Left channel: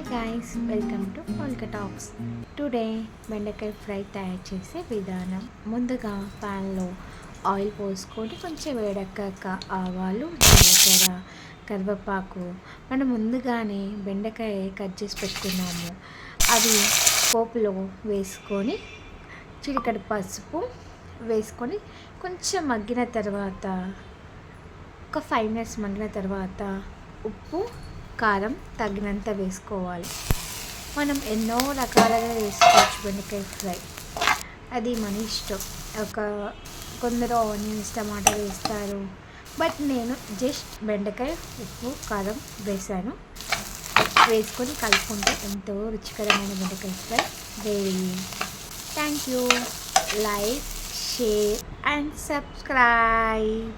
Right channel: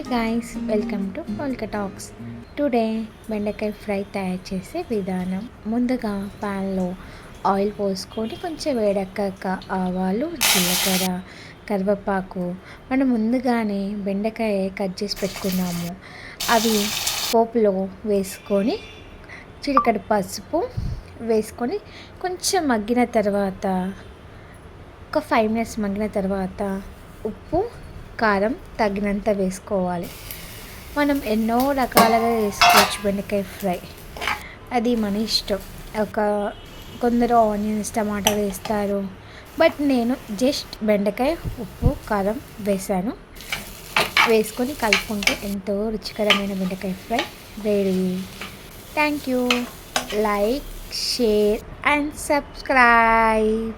Hi guys, welcome to polka talks. Today బెండకాయ fry తయారు చేసే విధానం. ముందుగా ప్యాన్లో ఆయిల్ పోసుకొని కొంచెం వేడెక్కాక ఆవాలు, జీలకర్ర, కరివేపాకు మనం ముందుగానే బెండకాయ కట్ చేసి పెట్టుకున్నాము. అవి పోపులో వేసుకొని చిటికెడు పసుపు వేసుకొని కొంచెం మగ్గిన తర్వాత ఒక 5 మినిట్స్ మగ్గిన తర్వాత ఉప్పు, కారం తగినంత వేసుకోవాలి. మనం ఎన్నో రకాలుగా వేసుకోవచ్చు బెండకాయ ఫ్రై, అది మన ఇష్టం. కొందరు ఆనియన్స్, టమాటా వేస్తారు, బట్ నేను జస్ట్ బెండకాయ, ఉప్పు, కారం వేసుకొని కలుపుకుంటే ఎంతో రుచికరమైన బెండకాయ fry ready. Thank you. Like, share and subscribe.